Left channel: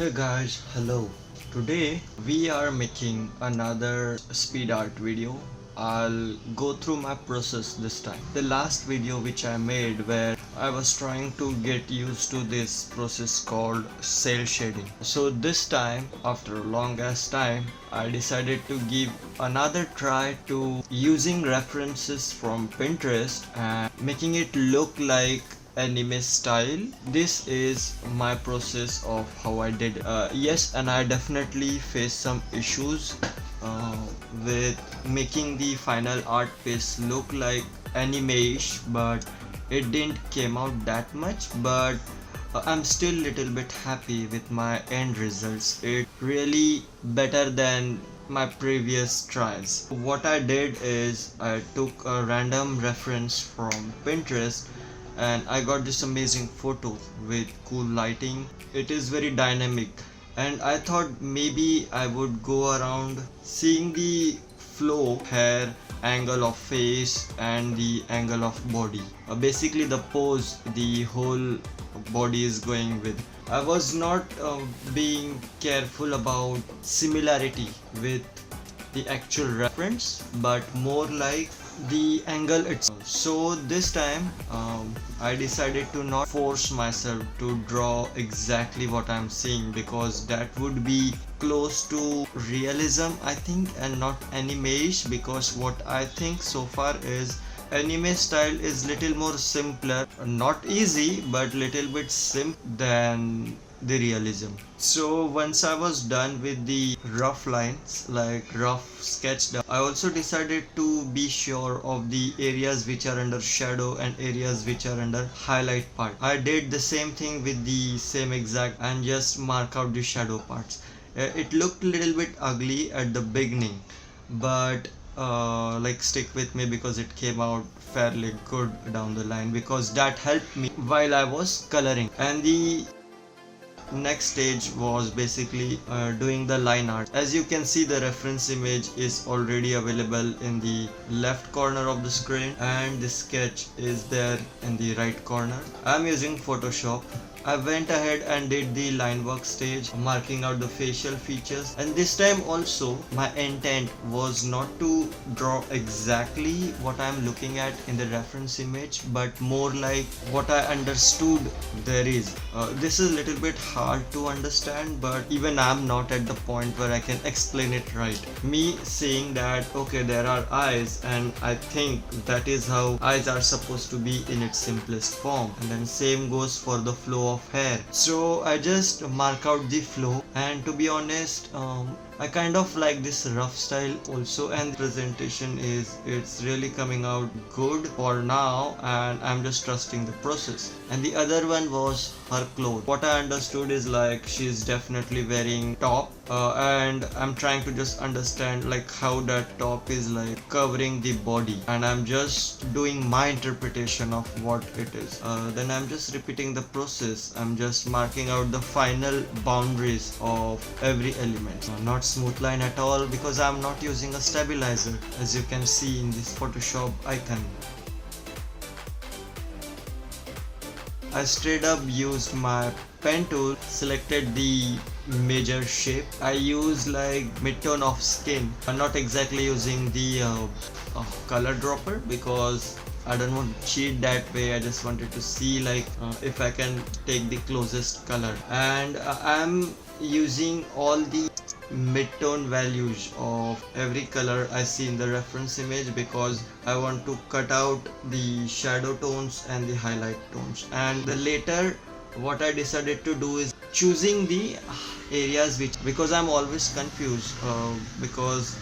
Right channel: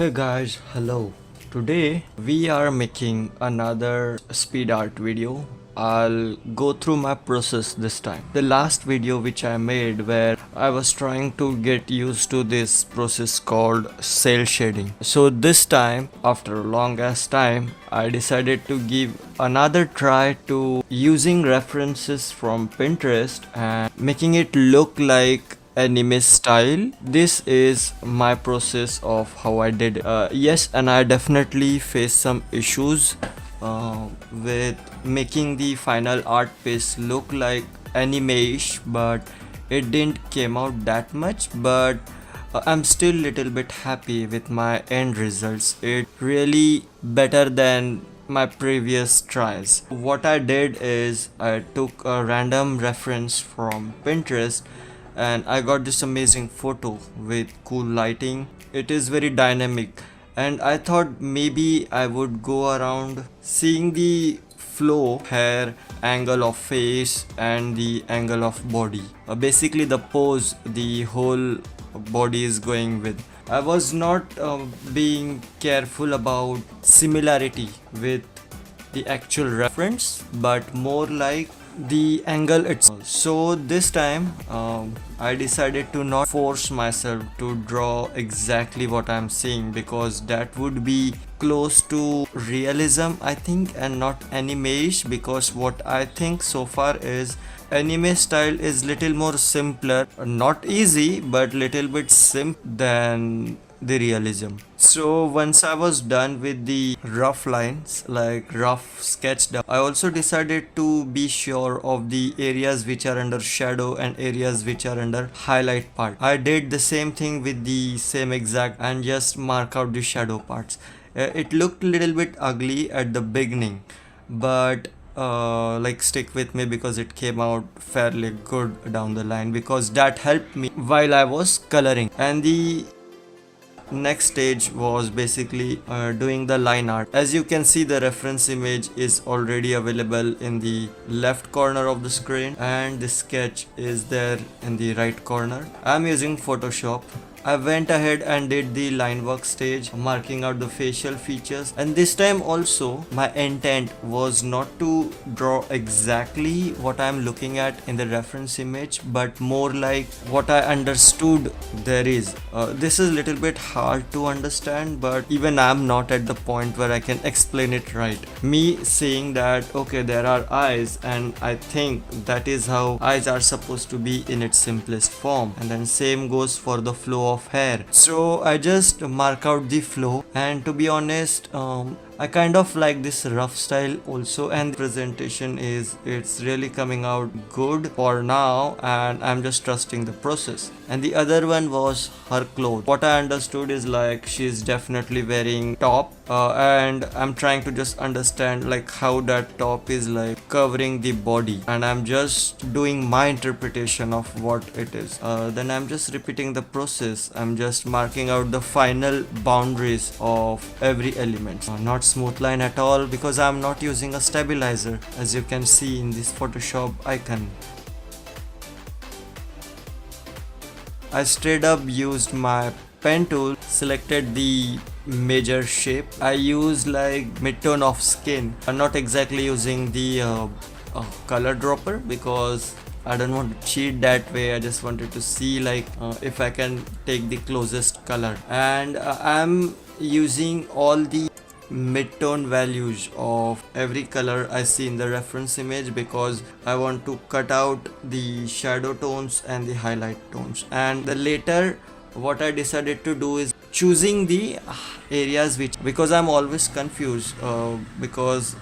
Hey guys, hello. Today we are making another speed art video. I'll go through my process this time. The last video which I made where I was trying to get used to this process called cel shading. So this time, after a long ass time, I decided to give another try to using references from Pinterest and making it look like anime style. This is my process of how I did. Yes, and I definitely faced some issues with making the final art piece look like anime-ish, but it didn't came out that much. But I'm still little bit happy with my end results. It really better than my previous tries. What I did is I took a random reference from Pinterest and I got this amazing photo with cool lighting. It is very dynamic and I thought maybe I would go around seeing the flow, hair, angle of face and the angle of body. Basically the pose the whole body is going with. I was not being careful about similarity with the actual reference but more like the angle itself. So this time I decided to not force myself to draw exactly what I'm seeing because that would be close to realism I think and not anime-ish, because what I think so far is anime style is little more simpler, not easy but little bit simple than the realism. So once I was done with the rough lines, like rough sketched up, I also decided to be sure of the areas which are under shadow and areas which are under highlight part. I did the same thing with the same exact and just mark out the shadow parts. It looked a little bit ugly at the beginning, but like stick with me because it came out fairly good down the line, because that helped me while I was coloring. And the next stage was basically doing the line art. As you can see, the reference image is already available in the left corner of the screen and the sketch is there in the right corner. I'm using Photoshop. I went ahead and did the line work stage, marking out the facial features, and this time also my intent was not to draw exactly what I'm looking at in the reference image but more like what I understood there is. This is a little bit hard to understand, but even I'm not at the point where I can explain it right. Me saying that okay, there are eyes and I think that is how eyes are supposed to be in its simplest form, and then same goes for the flow of hair. So I just mark out the flow, and to be honest, I kind of like this rough style also, and the presentation it's really coming out good for now, and I'm just trusting the process. And the other one was her clothes. What I understood is like she's definitely wearing top, and I'm trying to just understand like how that top is like covering the body, and I'm just doing my interpretation of what it is. Then I'm just repeating the process. I'm just marking out the final boundaries of every element. Not smooth line at all because I'm not using a stabilizer, as you can see in this Photoshop icon. I straight up used my pen tool, selected the major shape. I use like mid-tone of skin. I'm not exactly using the color dropper because I don't want to cheat that way. I just wanted to see like if I can take the closest color, and I'm using all the mid-tone values of every color I see in the reference image because I want to cut out the shadow tones and the highlight tones. And the later what I decided to do is choosing the areas which, because I'm always confused because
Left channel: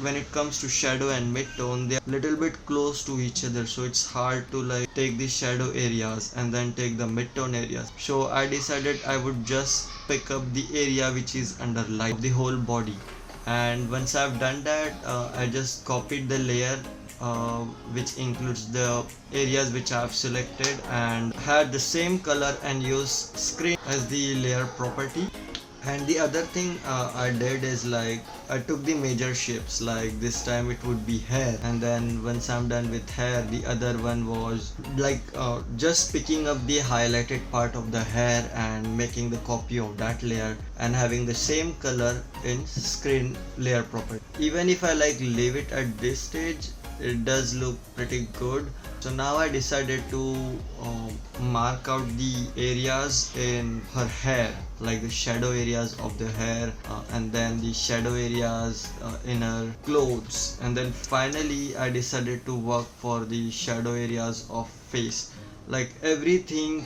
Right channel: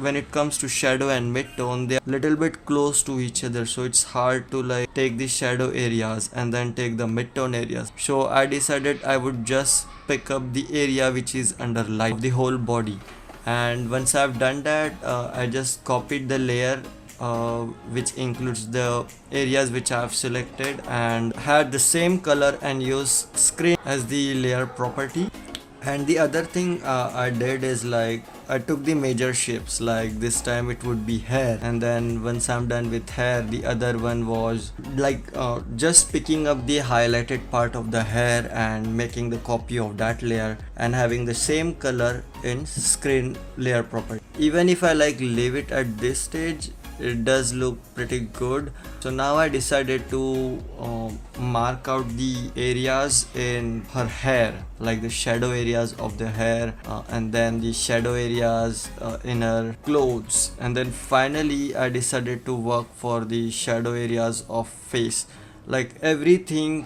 when it comes to shadow and mid-tone, they are little bit close to each other, so it's hard to like take the shadow areas and then take the mid-tone areas. So I decided I would just pick up the area which is under light of the whole body, and once I've done that, I just copied the layer which includes the areas which I have selected and had the same color and use screen as the layer property, And the other thing I did is like I took the major shapes, like this time it would be hair, and then once I'm done with hair, the other one was like just picking up the highlighted part of the hair and making the copy of that layer and having the same color in screen layer property. Even if I like leave it at this stage, it does look pretty good. So now I decided to mark out the areas in her hair, like the shadow areas of the hair, and then the shadow areas in her clothes, and then finally I decided to work for the shadow areas of face, like everything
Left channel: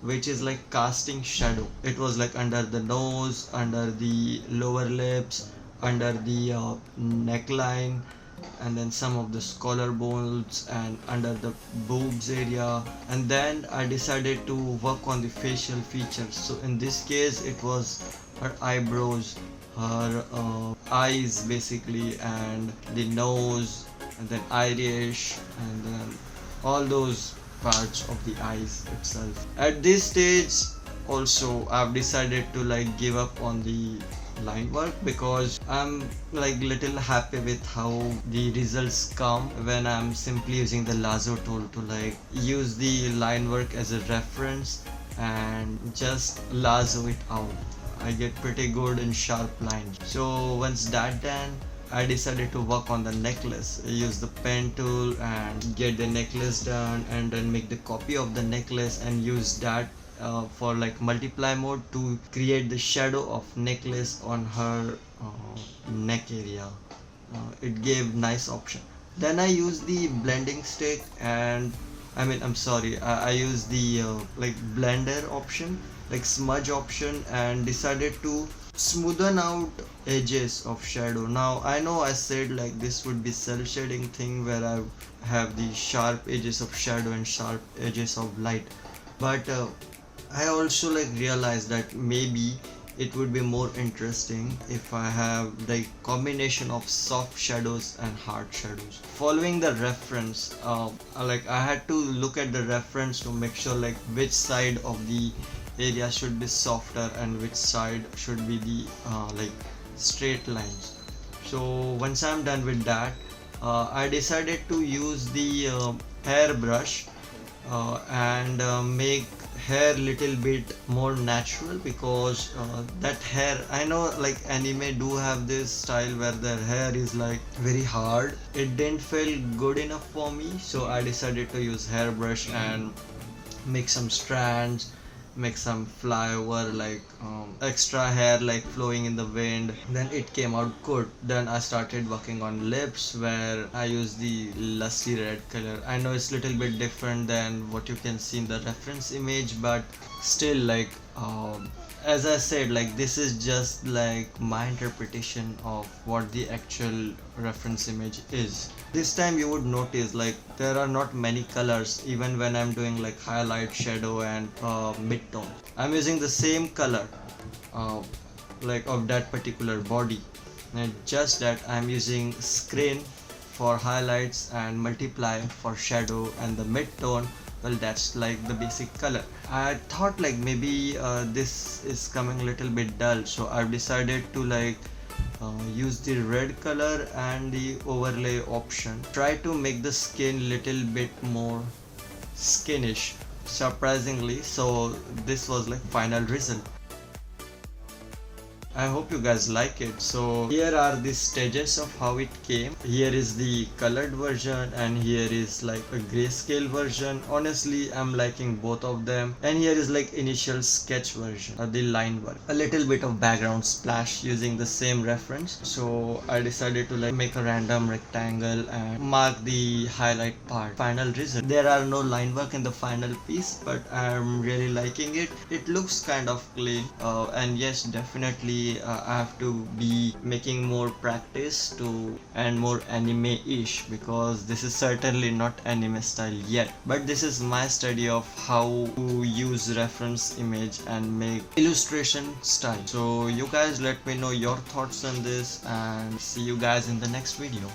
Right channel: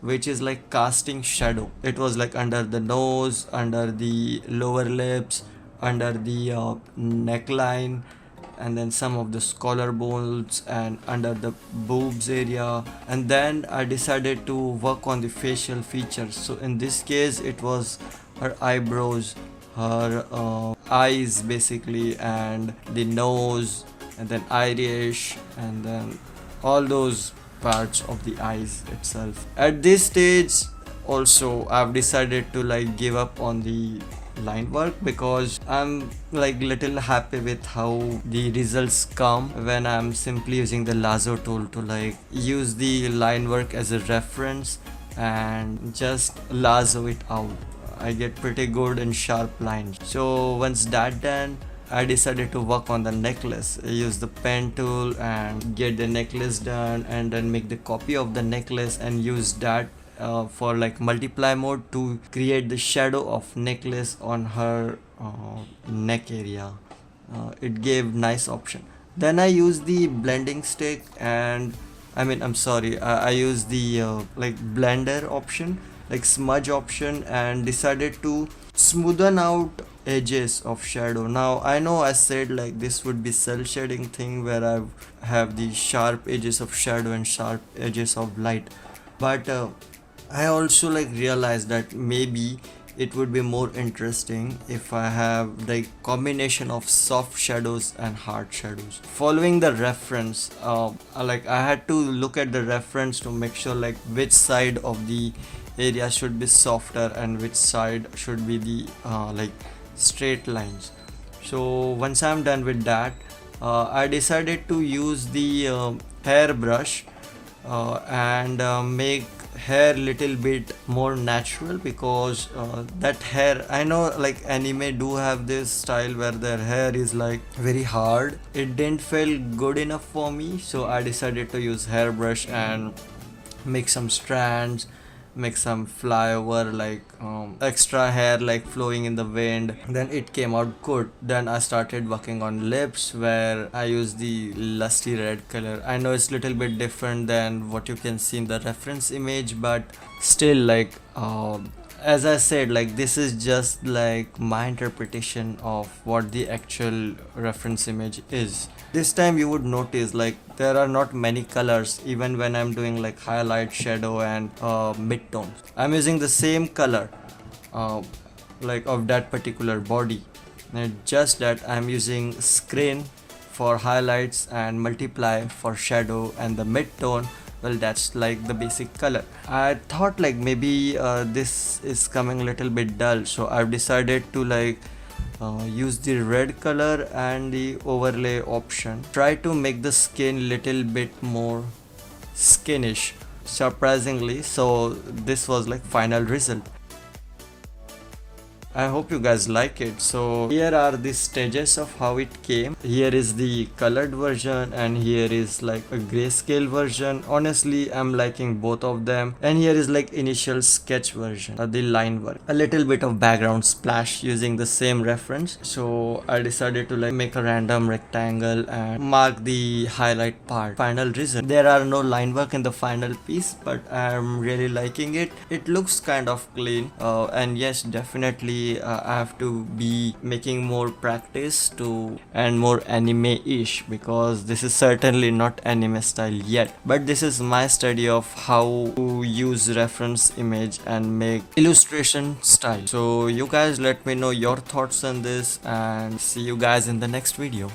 which is like casting shadow. It was like under the nose, under the lower lips, under the neckline, and then some of the collarbones and under the boobs area. And then I decided to work on the facial features. So in this case it was her eyebrows, her eyes basically, and the nose, and then iris, and then all those parts of the eyes itself. At this stage also I've decided to like give up on the line work because I'm like little happy with how the results come when I'm simply using the lasso tool to like use the line work as a reference and just lasso it out. I get pretty good and sharp lines. So once that done, I decided to work on the necklace. I use the pen tool and get the necklace done, and then make the copy of the necklace and use that for like multiply mode to create the shadow of necklace on her neck area. It gave nice option. Then I use the blending stick, and I use the like blender option, like smudge option, and decided to smoothen out edges of shadow. Now I know I said like this would be cell shading thing where I have the sharp edges of shadow and sharp edges of light, but I also like realized that maybe it would be more interesting if I have the combination of soft shadows and hard shadows. Following the reference, like I had to look at the reference to make sure like which side of the area should be softer and which side should be the like straight lines. So once I'm done with that, I decided to use the hair brush and make hair little bit more natural, because that hair, I know like anime do have this style where their hair is like very hard. It didn't feel good enough for me, so I decided to use hairbrush and make some strands, make some flyover, like extra hair like flowing in the wind. Then it came out good. Then I started working on lips, where I used the lusty red color. I know it's little bit different than what you can see in the reference image, but still like as I said, like this is just like my interpretation of what the actual reference image is. This time you would notice like there are not many colors even when I'm doing like highlight, shadow, and midtones. I'm using the same color like of that particular body, and just that I'm using screen for highlights and multiply for shadow, and the midtone, well, that's like the basic color. I thought like maybe this is coming a little bit dull, so I've decided to like use the red color and the overlay option. Try to make the skin little bit more skinish, surprisingly. So this was like final result. I hope you guys like it. So here are the stages of how it came. Here is the colored version, and here is like a grayscale version. Honestly, I'm liking both of them. And here is like initial sketch version of the line work. A little bit of background splash using the same reference. So I decided to like make a random rectangle and mark the highlight part. Final result. There are no line work in the final piece, but I'm really liking it. It looks kind of clean, and yes, definitely I have to be making more practice to and more anime-ish, because this is certainly not anime style yet, but this is my study of how to use reference image and make illustration style. So you guys let me know your thoughts on this, and see you guys in the next video.